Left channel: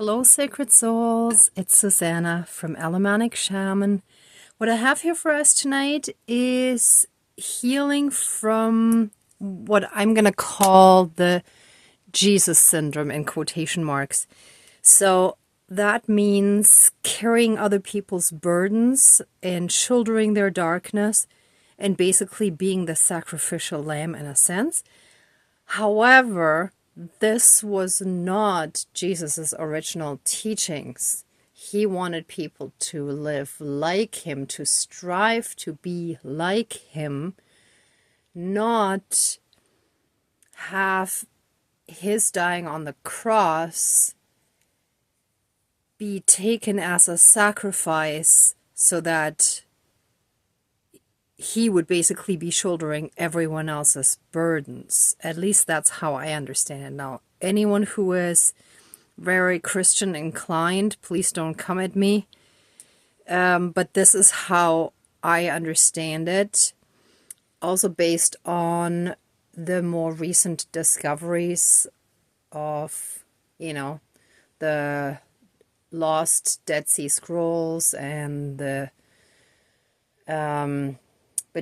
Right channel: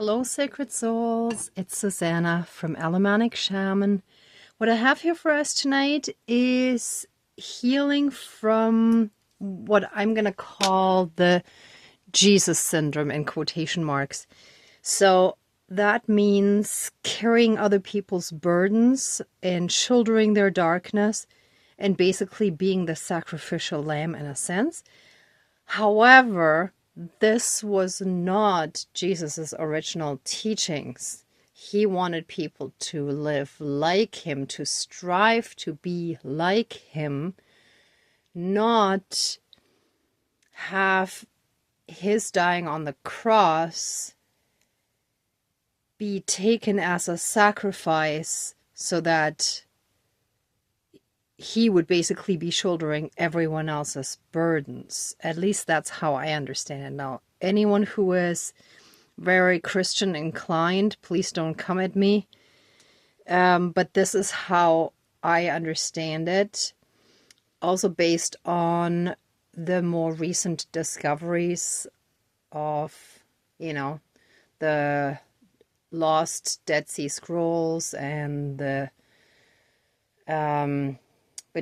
Hello, sacred souls. It's Susanna from Alamanic Shaman. What I have here for us tonight is healing from what I'm going to call the Jesus syndrome in quotation marks. So that means carrying other people's burdens and shouldering their darkness and basically being the sacrificial lamb in a sense. However, this was not Jesus's original teachings. He wanted people to live like him, to strive to be like him, not have his dying on the cross be taken as a sacrifice so that he would basically be shouldering everyone else's burdens. At least that's how I understand it. Now, anyone who is very Christian inclined, please don't come at me. But this is how I understand it. Also based on the more recent discoveries of, the lost Dead Sea Scrolls and the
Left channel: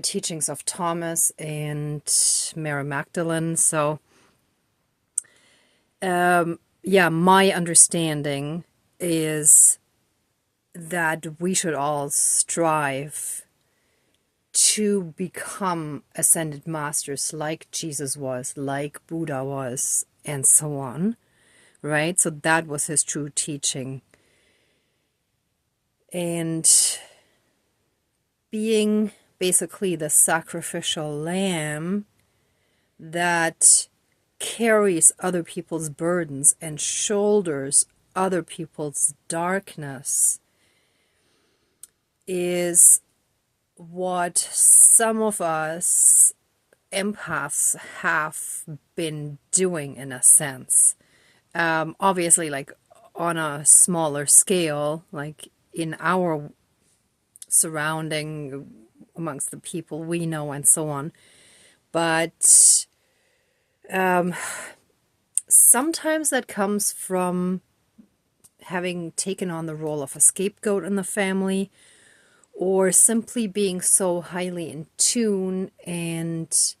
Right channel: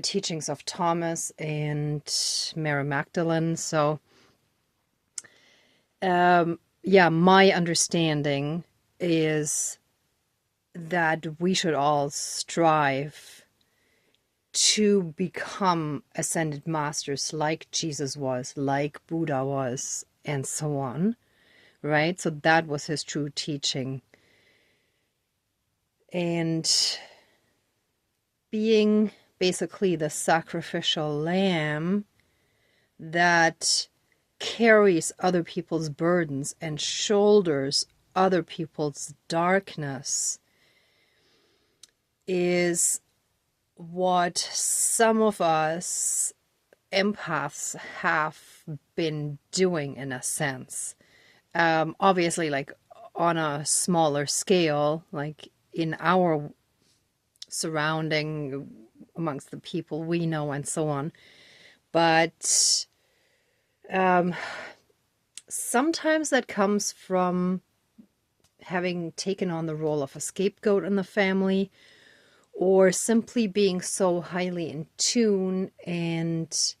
teachings of Thomas and Mary Magdalene. So, my understanding is that we should all strive to become ascended masters like Jesus was, like Buddha was, and so on, right? So that was his true teaching. And being basically the sacrificial lamb that carries other people's burdens and shoulders other people's darkness is what some of us empaths have been doing in a sense. Obviously, like on a smaller scale, like in our surrounding amongst the people we know and so on. But sometimes that comes from having taken on the role of a scapegoat in the family, or simply being so highly in tune and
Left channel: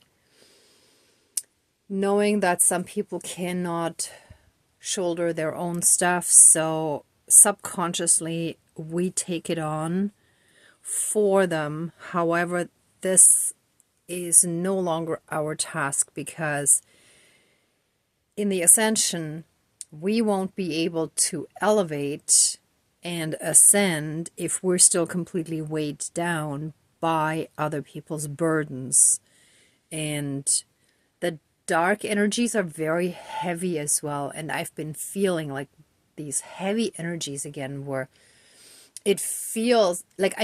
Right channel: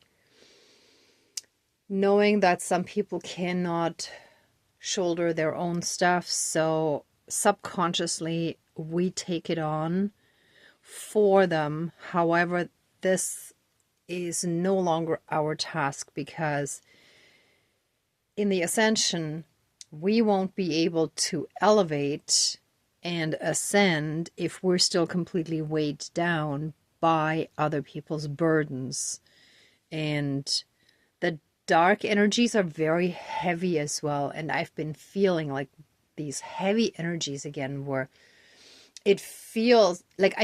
knowing that some people cannot shoulder their own stuff. So subconsciously we take it on for them. However, this is no longer our task, because in the ascension, we won't be able to elevate and ascend if we're still completely weighed down by other people's burdens. And the dark energies are very heavy as well. And I've been feeling like these heavy energies again, where it feels like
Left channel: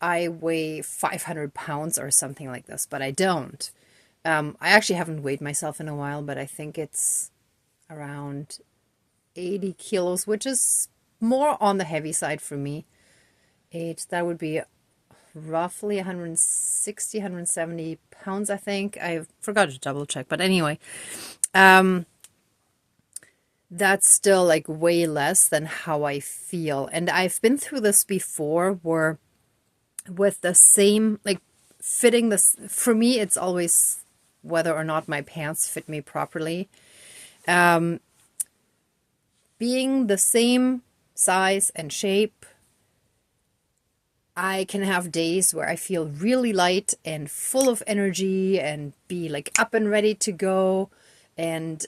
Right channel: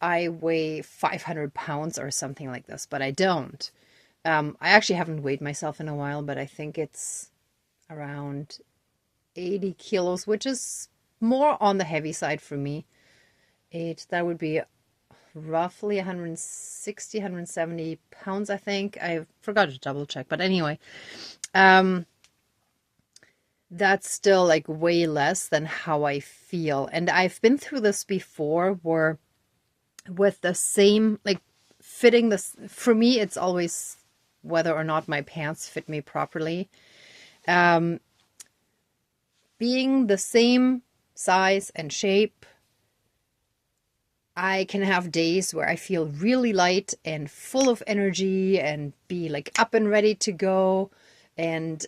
I weigh 500 pounds or something like this, but I don't. I actually haven't weighed myself in a while, but I think it's around 80 kilos, which is more on the heavy side for me. That would be roughly 160, 170 pounds, I think. I forgot to double check, but anyway, that's still like way less than how I feel. And I've been through this before, where with the same, like fitting this, for me, it's always whether or not my pants fit me properly. Being the same size and shape, I can have days where I feel really light and full of energy and be like up and ready to go. And,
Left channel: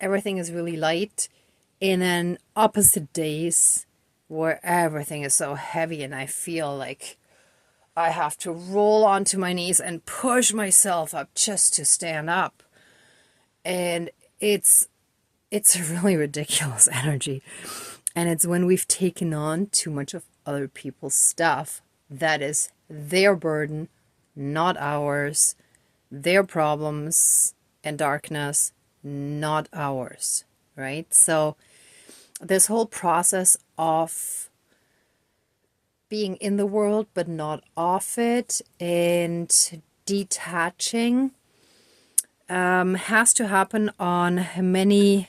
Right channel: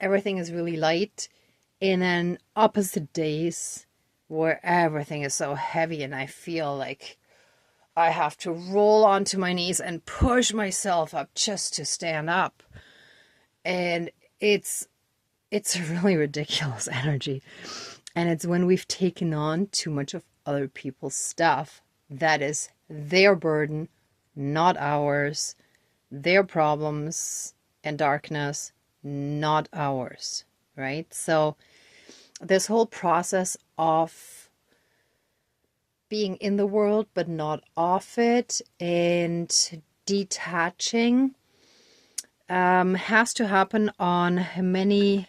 everything is really light. And then opposite days where everything is so heavy and I feel like I have to roll onto my knees and push myself up just to stand up. And it's a really ridiculous energy. And it's when we've taken on too much of other people's stuff that is their burden, not ours, their problems and darkness, not ours, right? So this whole process of being in the world but not of it and detaching has to happen on many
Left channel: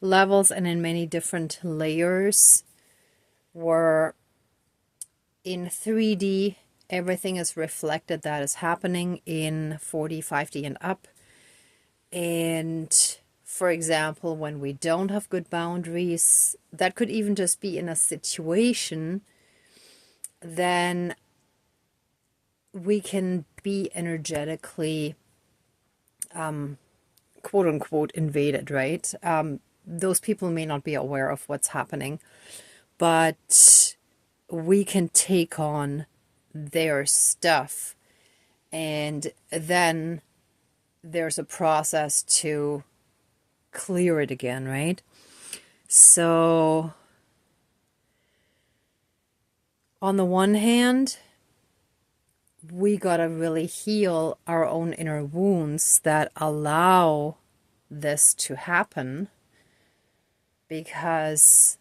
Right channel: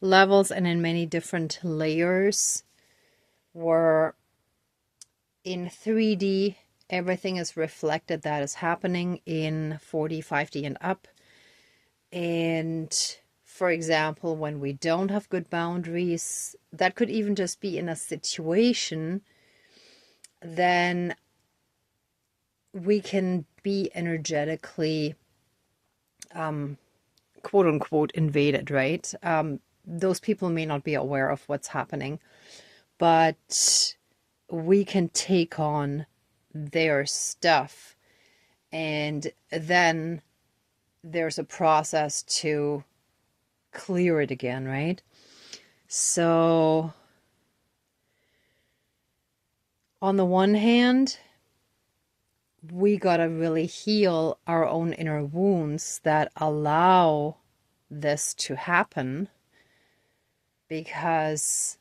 levels and in many different layers, where in 3D, everything is reflected that is happening in 4D, 5D, and up. And for example, when we don't have good boundaries, that could even just be in a situation, then we can be energetically, quote unquote, invaded, right? Those people may not be aware of what's happening, but we can take on their stuff. And then there's a process to clear it again, right? So on the one hand, we gotta really heal our own inner wounds that allow this to happen, because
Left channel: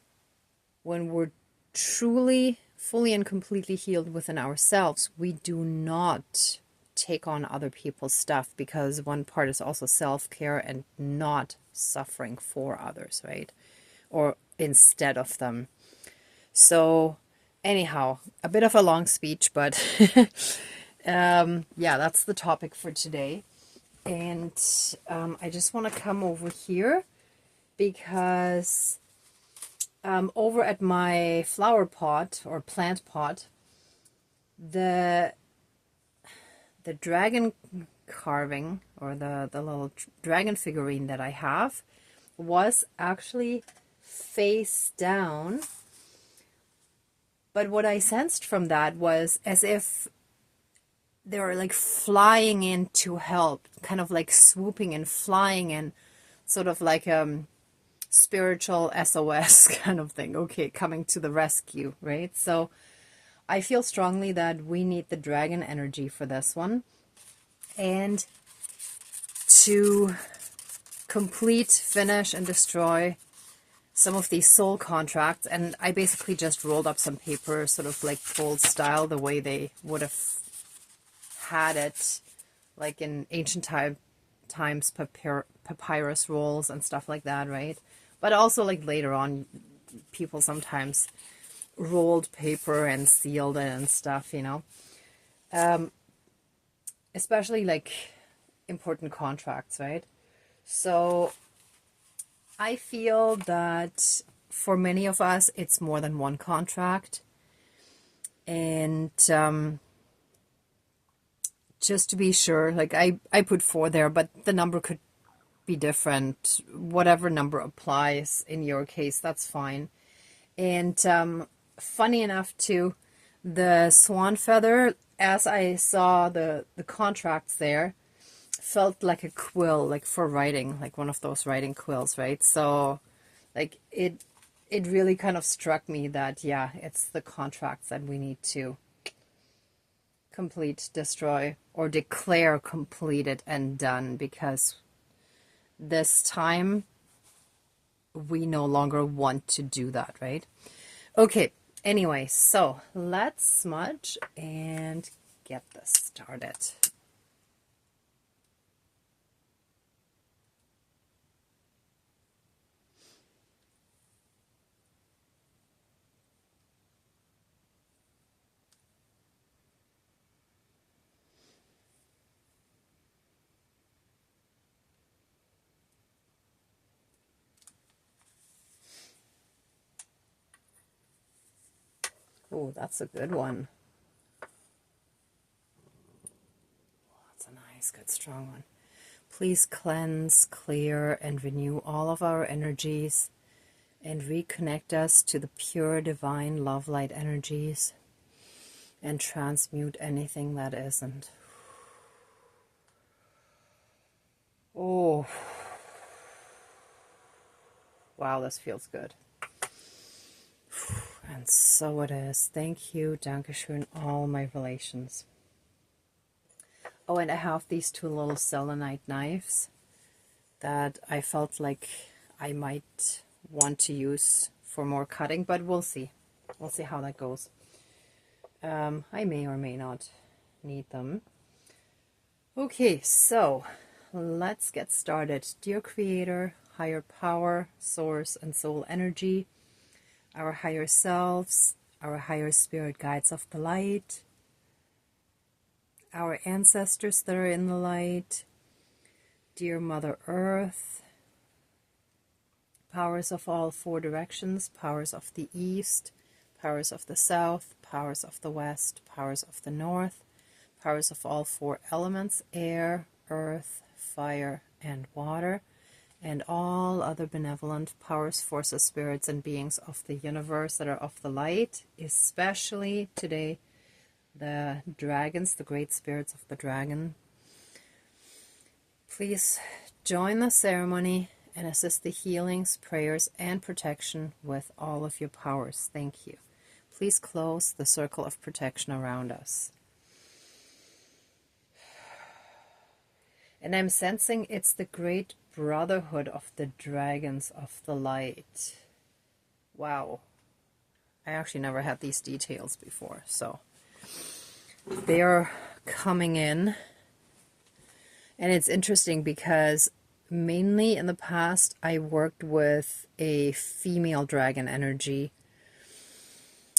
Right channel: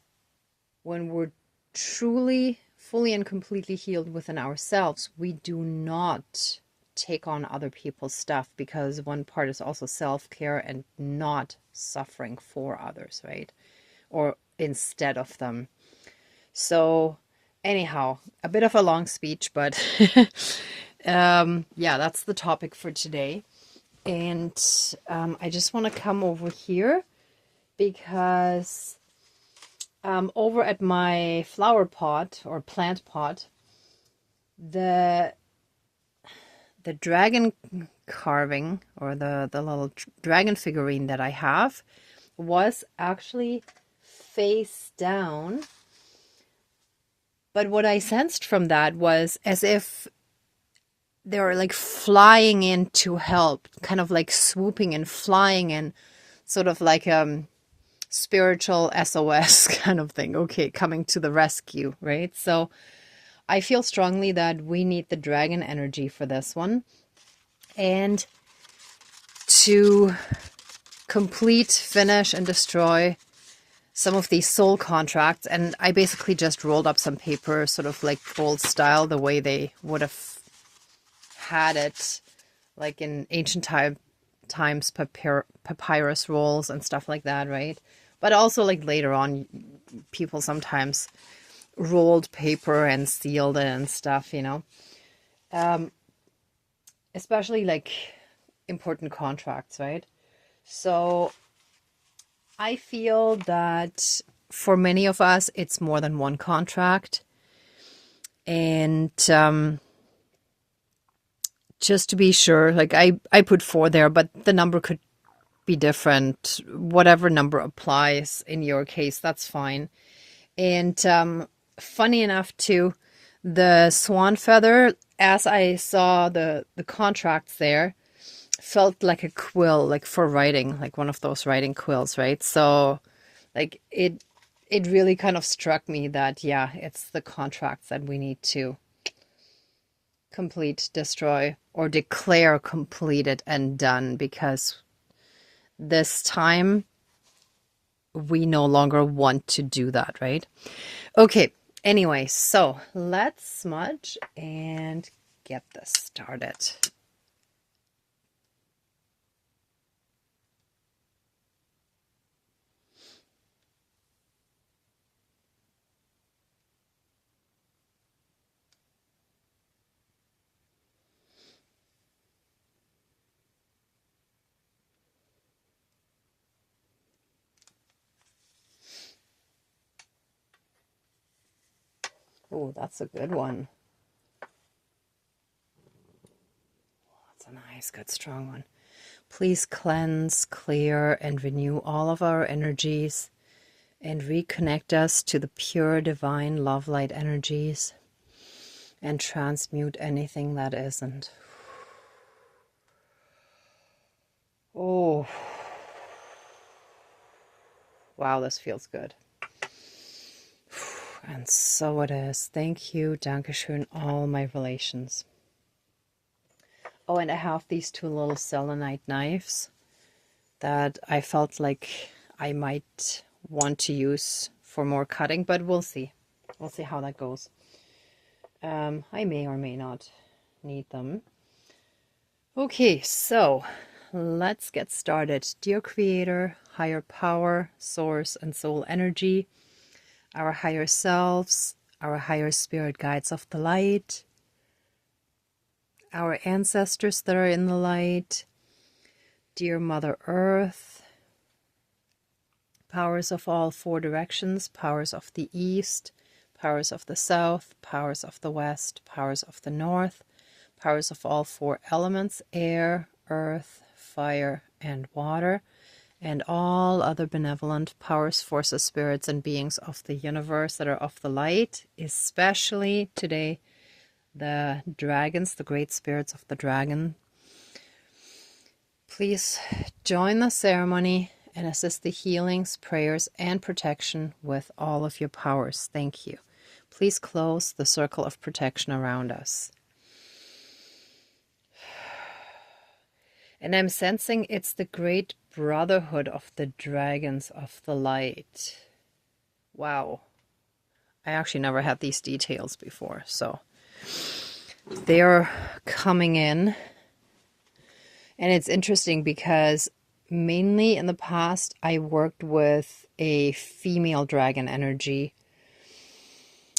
when we're truly, fully and completely healed within ourselves, we do not take on other people's stuff, because one part is also self-care and not suffering for others, right? Or instead of them. So anyhow, a bit of a long speech, but yeah, that's the topic for today. And I just want to come over here because over at my flower pot or plant pot, the dragon carving, or the little dragon figurine that I have, was actually face down. But what I sensed from that was as if they were like flying in to help, kind of like swooping and flying in, sort of like spiritual SOS kind of thing. Okay, coming to the rescue, right? So I feel strongly that we need the dragon energy for this one. And to complete, finish, and destroy some of these soul contracts. And I basically just rolled up some paper, sort of like old style, the way they would have had it, like in ancient times, papyrus rolls and stuff like that, right? But also like later on, people sometimes rolled paper and sealed it and stuff, you know. Especially like important contracts, right? So I feel that for many of us, it's more than one contract. And just to be sure, like I put 4 there, but the number could be different. Whatever number applies in your case, that's fine. And funny enough too, the swan feather, as I saw the contracts there, felt like a quill, like for writing, like one of those writing quills, right? So like it really kind of struck me that, yeah, it's the contracts that we need to complete, destroy, or declare completed and done, because this time we no longer want to do that, right? Okay, anyway, so let's smudge and get this started. Oh, that's a good one. That's a nice, good, strong one. Please cleanse, clear, and renew all of our energies and reconnect us to the pure divine love light energies and transmute anything that isn't. Oh, wow, this feels good. And so it is. Thank you, Dankeschön, all my relations. Oh, and I have these 2 little selenite knives that I felt like I might want to use for more cutting, but we'll see. We'll see how that goes. I may or may not need them. Okay, so let's get started. Dear Creator, higher power, source, and soul energy, our higher selves, our higher spirit guides of the light, our ancestors that are in the light, dear Mother Earth, powers of all four directions, powers of the east, powers of the south, powers of the west, powers of the north, powers of all four elements, air, earth, fire, and water, and all other benevolent powers, forces, spirits, and beings of the universe that are of the light, especially today the dragons, the great spirits of the dragon. Please join the ceremony and assist the healings, prayers, and protection with all of your powers. Thank you. Please close the circle of protection around us. And I'm sensing it's the great brotherhood of the dragons of the light. Wow. I actually never had these details before, so they're coming in. And it's interesting because mainly in the past I worked with a female dragon energy,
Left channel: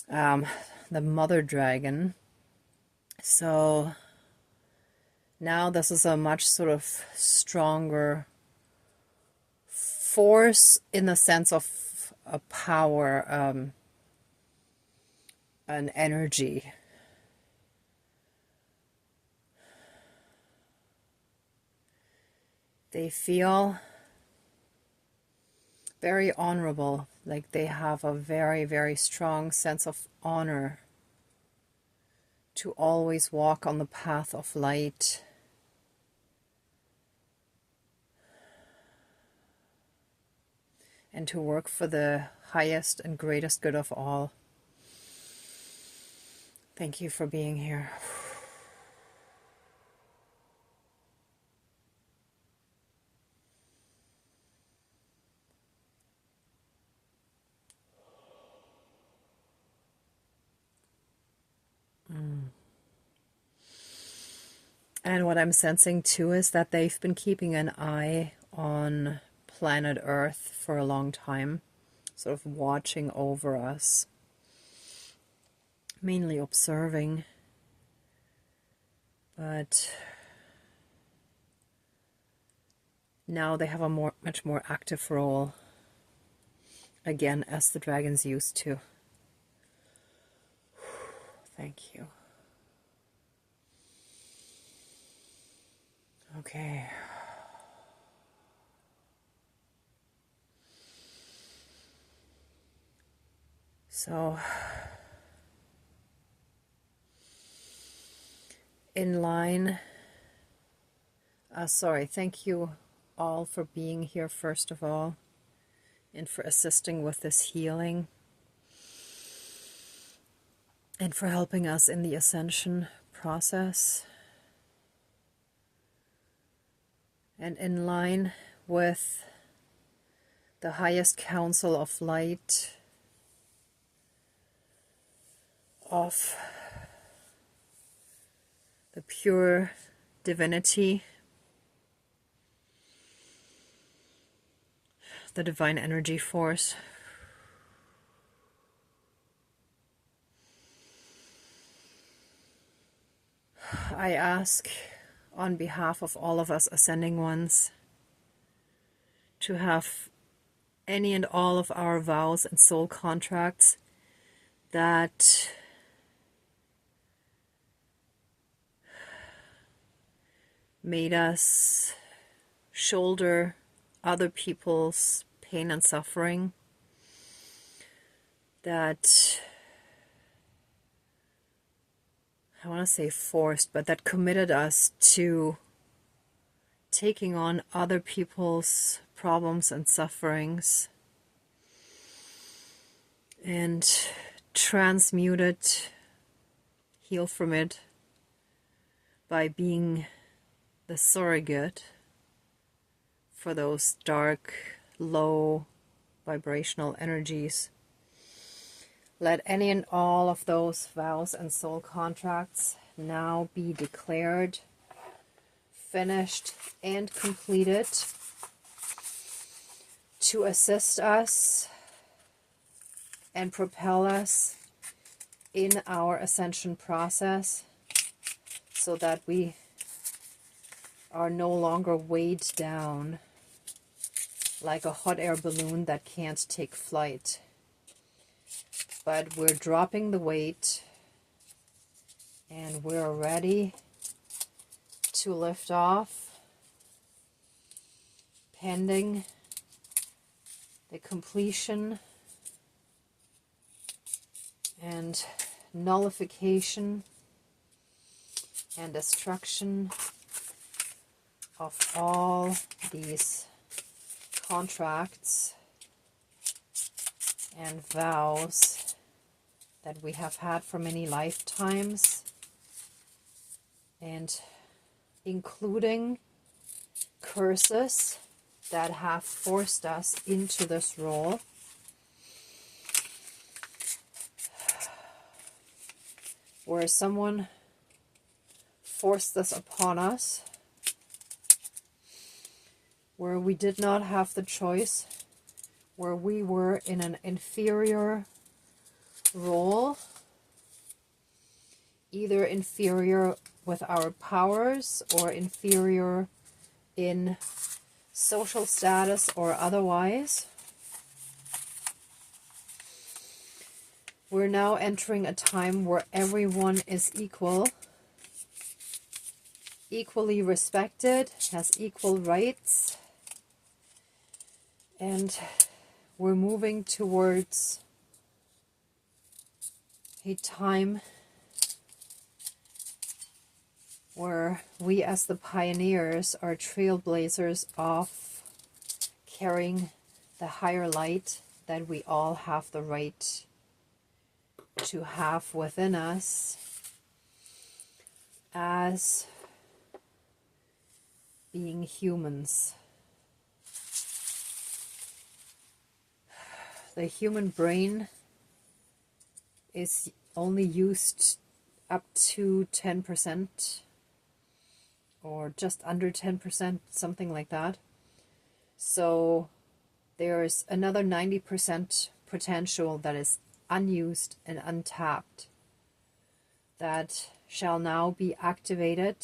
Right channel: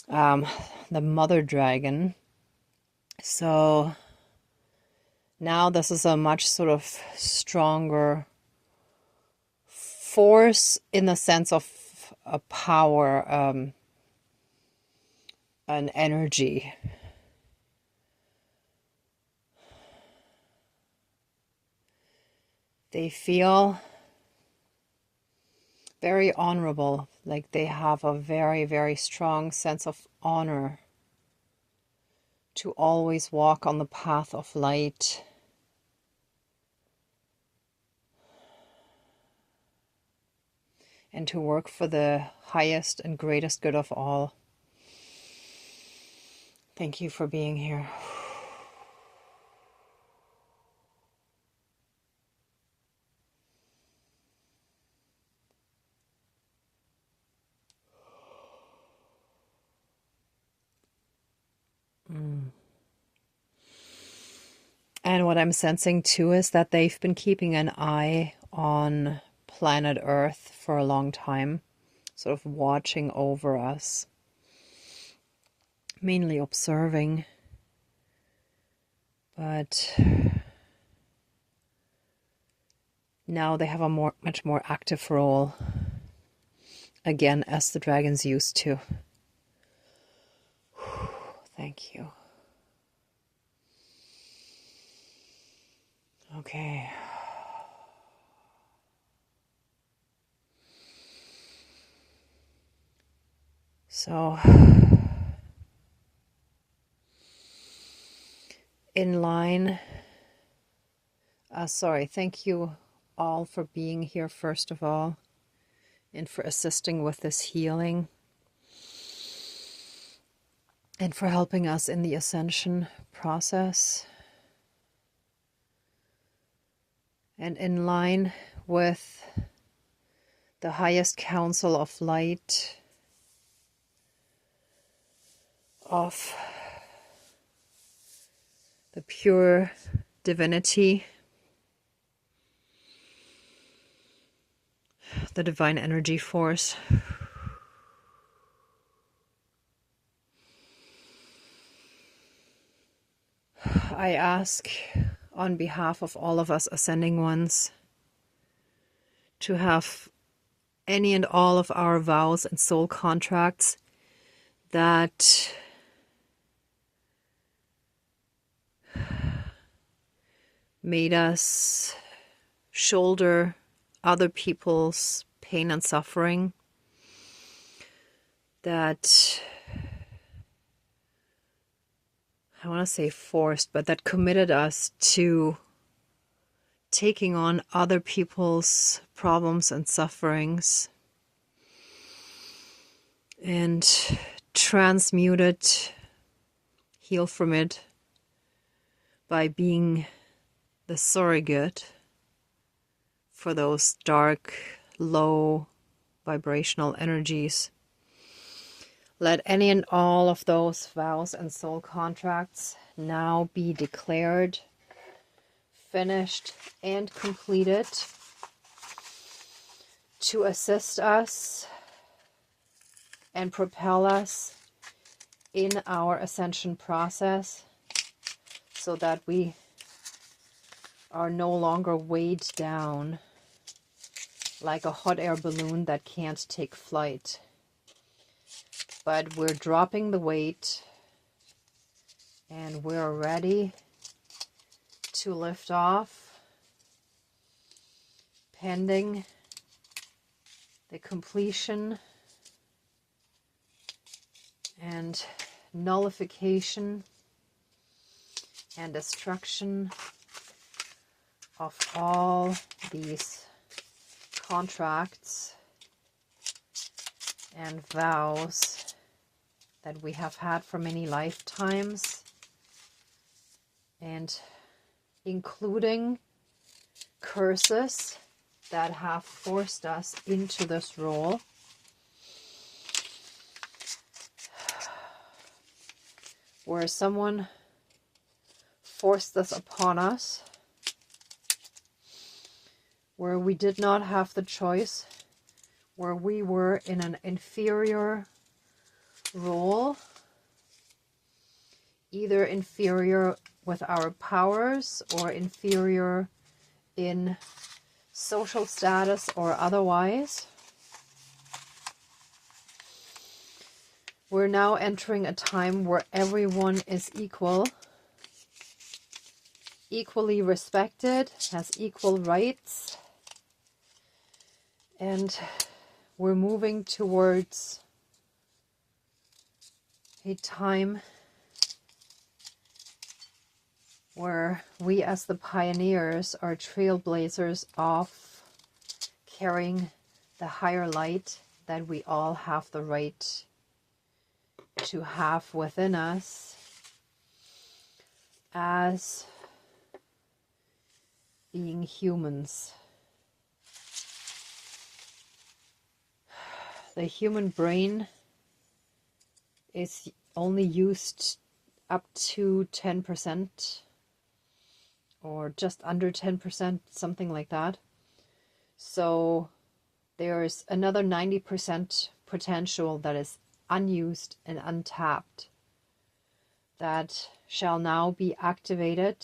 the mother dragon. So now this is a much sort of stronger force in the sense of a power, an energy. They feel very honorable, like they have a very, very strong sense of honor to always walk on the path of light. And to work for the highest and greatest good of all. Thank you for being here. And what I'm sensing too is that they've been keeping an eye on planet Earth for a long time, sort of watching over us, mainly observing. But now they have a much more active role, again, as the dragons used to. Thank you. Okay. So, in line, thank you all for being here, first of all, and for assisting with this healing, and for helping us in the ascension process. And in line with the highest council of light, of the pure divinity, the divine energy force, I ask on behalf of all of us ascending ones to have any and all of our vows and soul contracts that made us shoulder other people's pain and suffering, that, I want to say forced, but that committed us to taking on other people's problems and sufferings and transmute it, heal from it by being the surrogate for those dark, low vibrational energies. Let any and all of those vows and soul contracts now be declared finished and completed to assist us and propel us in our ascension process, so that we are no longer weighed down like a hot air balloon that can't take flight. But we're dropping the weight and we're ready to lift off, pending the completion and nullification and destruction of all these contracts and vows that we have had for many lifetimes, and including curses that have forced us into this role. Where someone forced this upon us, where we did not have the choice, where we were in an inferior role, either inferior with our powers or inferior in social status or otherwise. We're now entering a time where everyone is equal, equally respected, has equal rights, and we're moving towards a time where we as the pioneers are trailblazers of carrying the higher light that we all have the right to have within us as being humans. The human brain is only used up to 10% or just under 10%, something like that. So there's another 90% potential that is unused and untapped that shall now be activated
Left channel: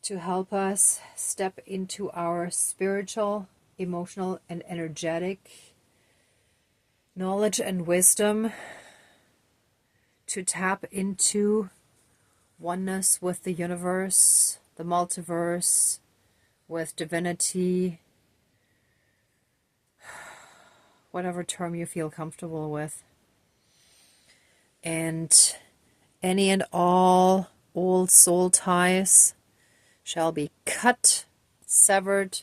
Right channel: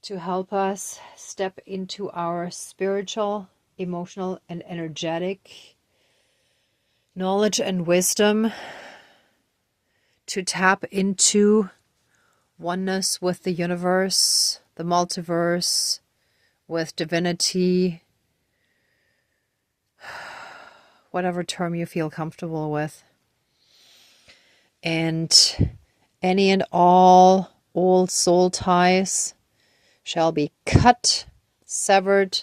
to help us step into our spiritual, emotional, and energetic knowledge and wisdom, to tap into oneness with the universe, the multiverse, with divinity, whatever term you feel comfortable with. And any and all old soul ties shall be cut, severed,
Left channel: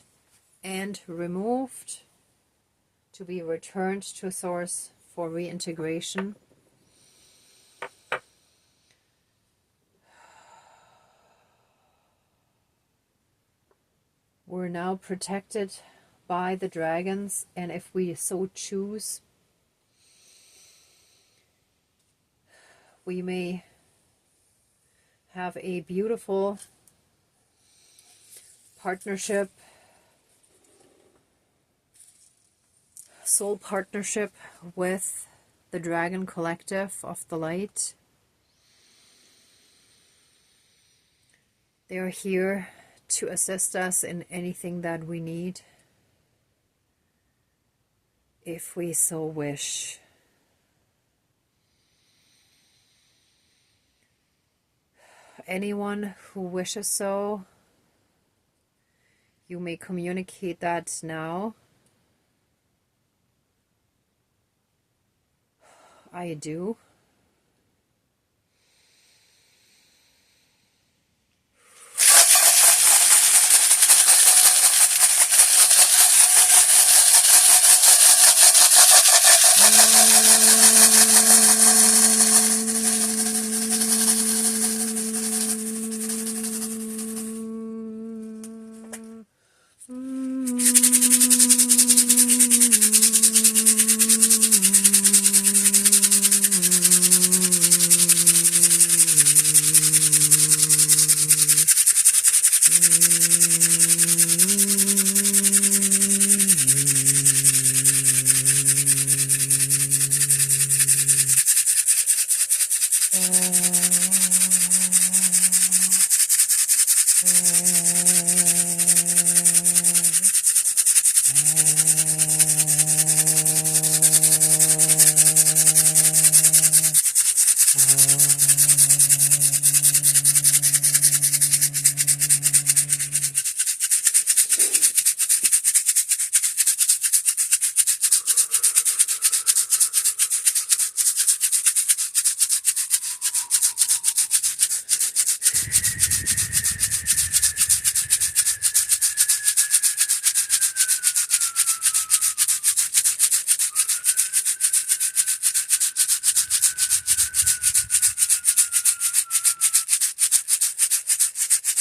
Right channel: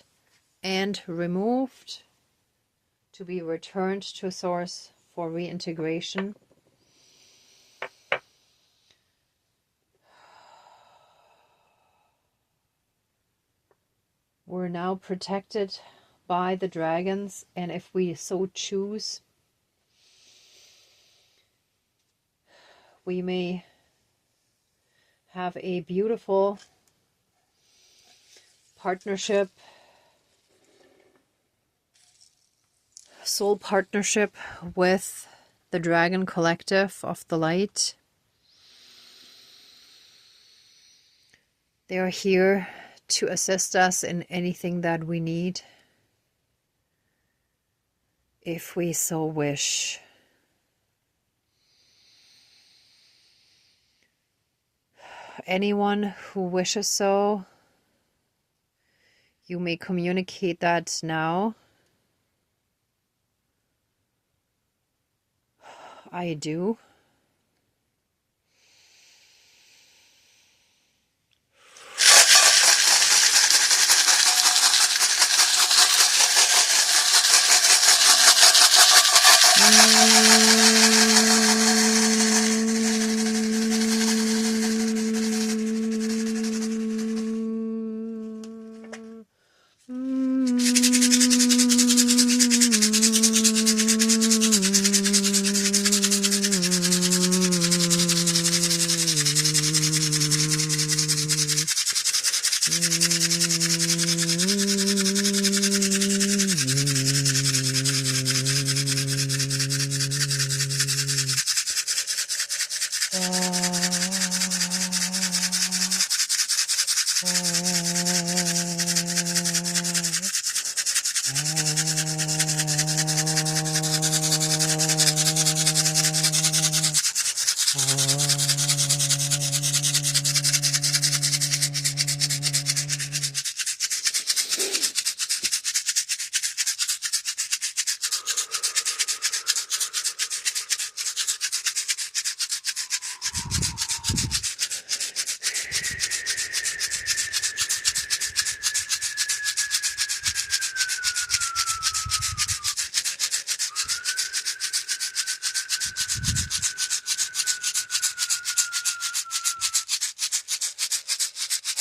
and removed to be returned to source for reintegration. We're now protected by the dragons, and if we so choose, we may have a beautiful partnership, soul partnership with the Dragon Collective of the Light. They are here to assist us in anything that we need, if we so wish. Anyone who wishes so, you may communicate that now. I do.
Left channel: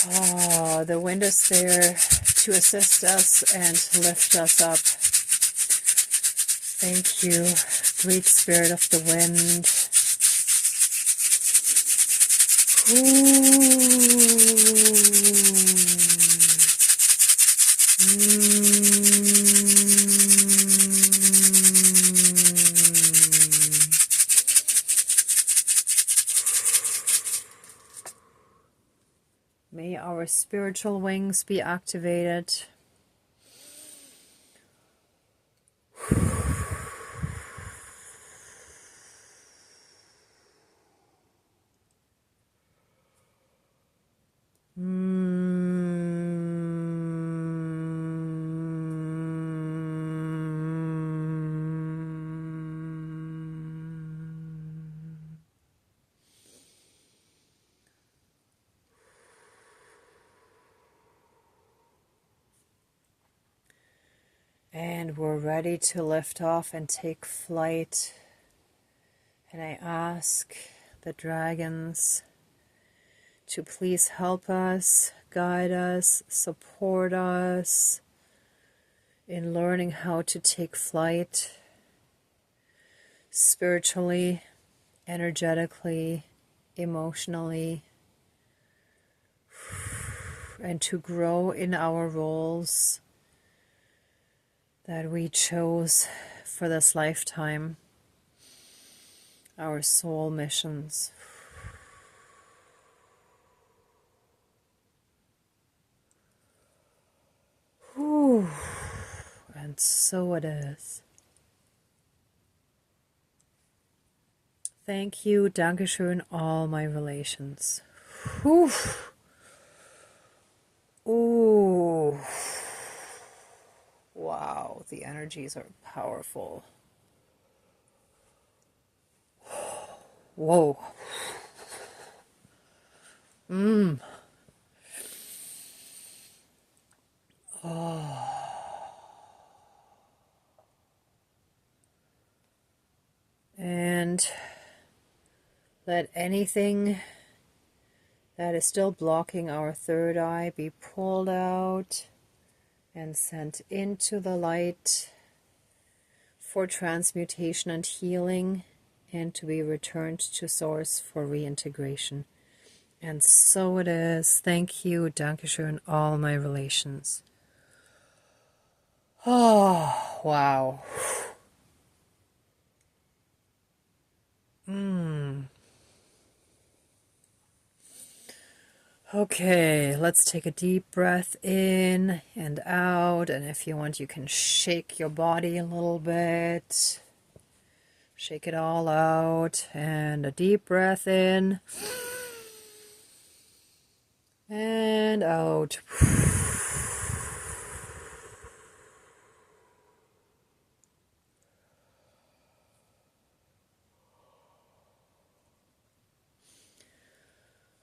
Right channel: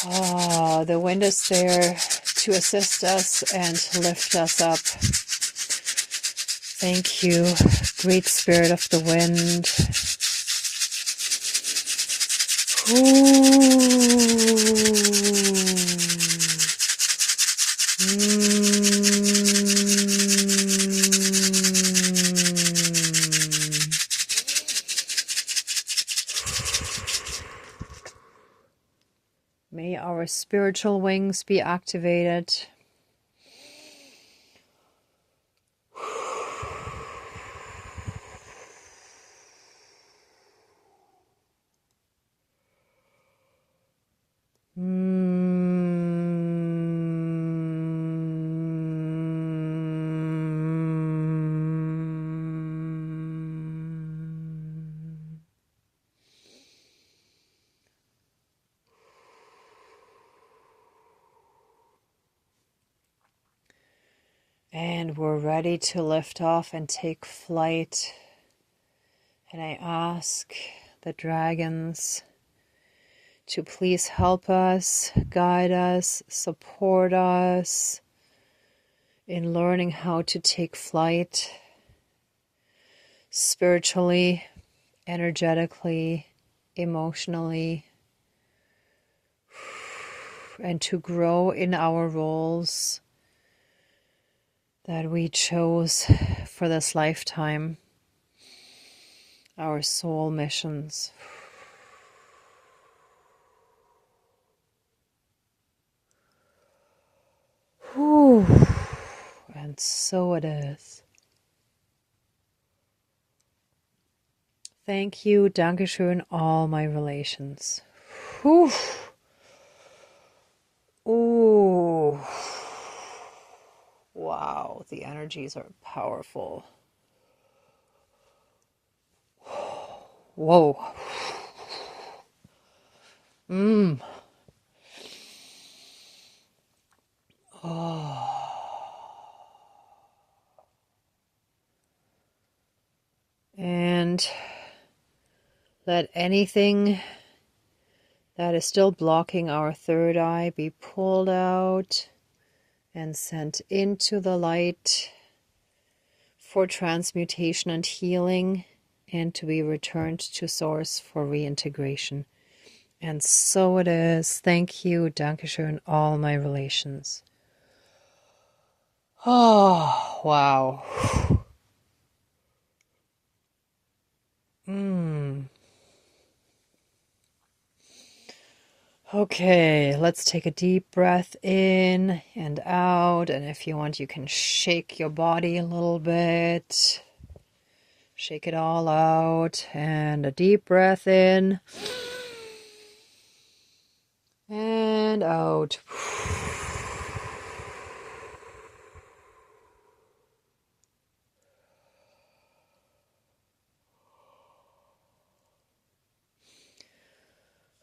Oh, the wind is there to assist us and to lift us up. Thank you, great spirit of the wind. May our spiritual wings be activated. And we're ready to lift off and take flight. And I ask the dragons to please help us, guide us, support us in learning how to take flight spiritually, energetically, emotionally, and to grow in our roles that we chose for this lifetime, our soul missions. Whew. And so it is. Thank you, Dankeschön, all my relations. Whew. Ooh. Wow, the energies are powerful. Whoa. Oh. And let anything that is still blocking our third eye be pulled out and sent into the light for transmutation and healing, and to be returned to source for reintegration. And so it is. Thank you, Dankeschön, all my relations. Oh, wow. Okay, let's take a deep breath in and out. And if you want, you can shake your body a little bit. Shake it all out. And a deep breath in and out.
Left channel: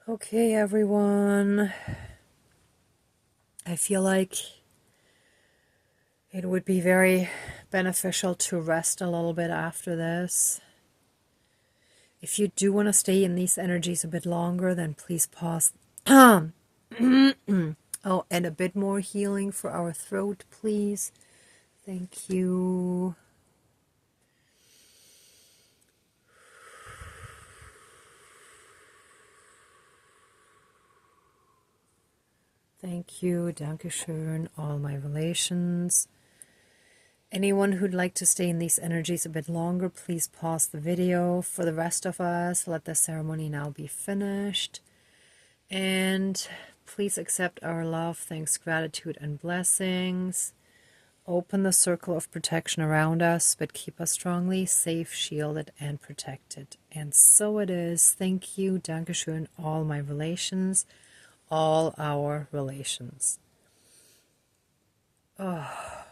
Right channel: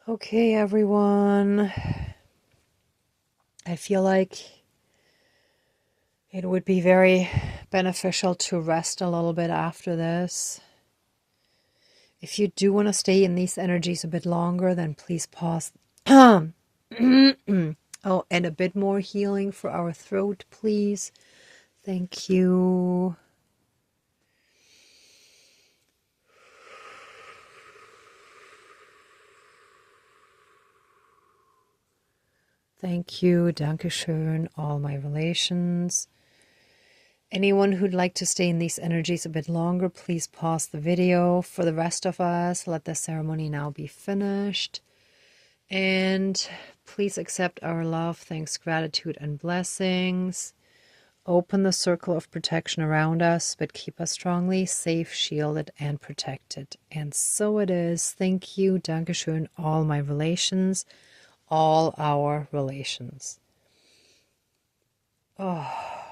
Okay, everyone. I feel like it would be very beneficial to rest a little bit after this. If you do want to stay in these energies a bit longer, then please pause. Oh, and a bit more healing for our throat, please. Thank you. Thank you, Dankeschön, all my relations. Anyone who'd like to stay in these energies a bit longer, please pause the video. For the rest of us, let the ceremony now be finished. And please accept our love, thanks, gratitude, and blessings. Open the circle of protection around us, but keep us strongly safe, shielded, and protected. And so it is. Thank you, Dankeschön, all my relations. All our relations. Oh.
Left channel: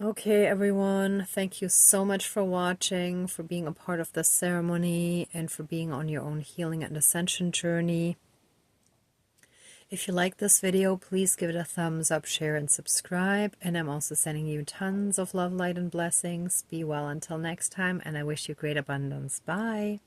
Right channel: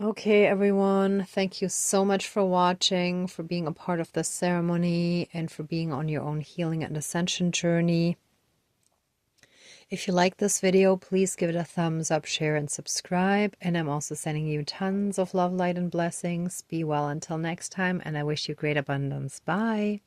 Okay, everyone. Thank you so much for watching, for being a part of this ceremony, and for being on your own healing and ascension journey. If you like this video, please give it a thumbs up, share, and subscribe. And I'm also sending you tons of love, light, and blessings. Be well until next time, and I wish you great abundance. Bye.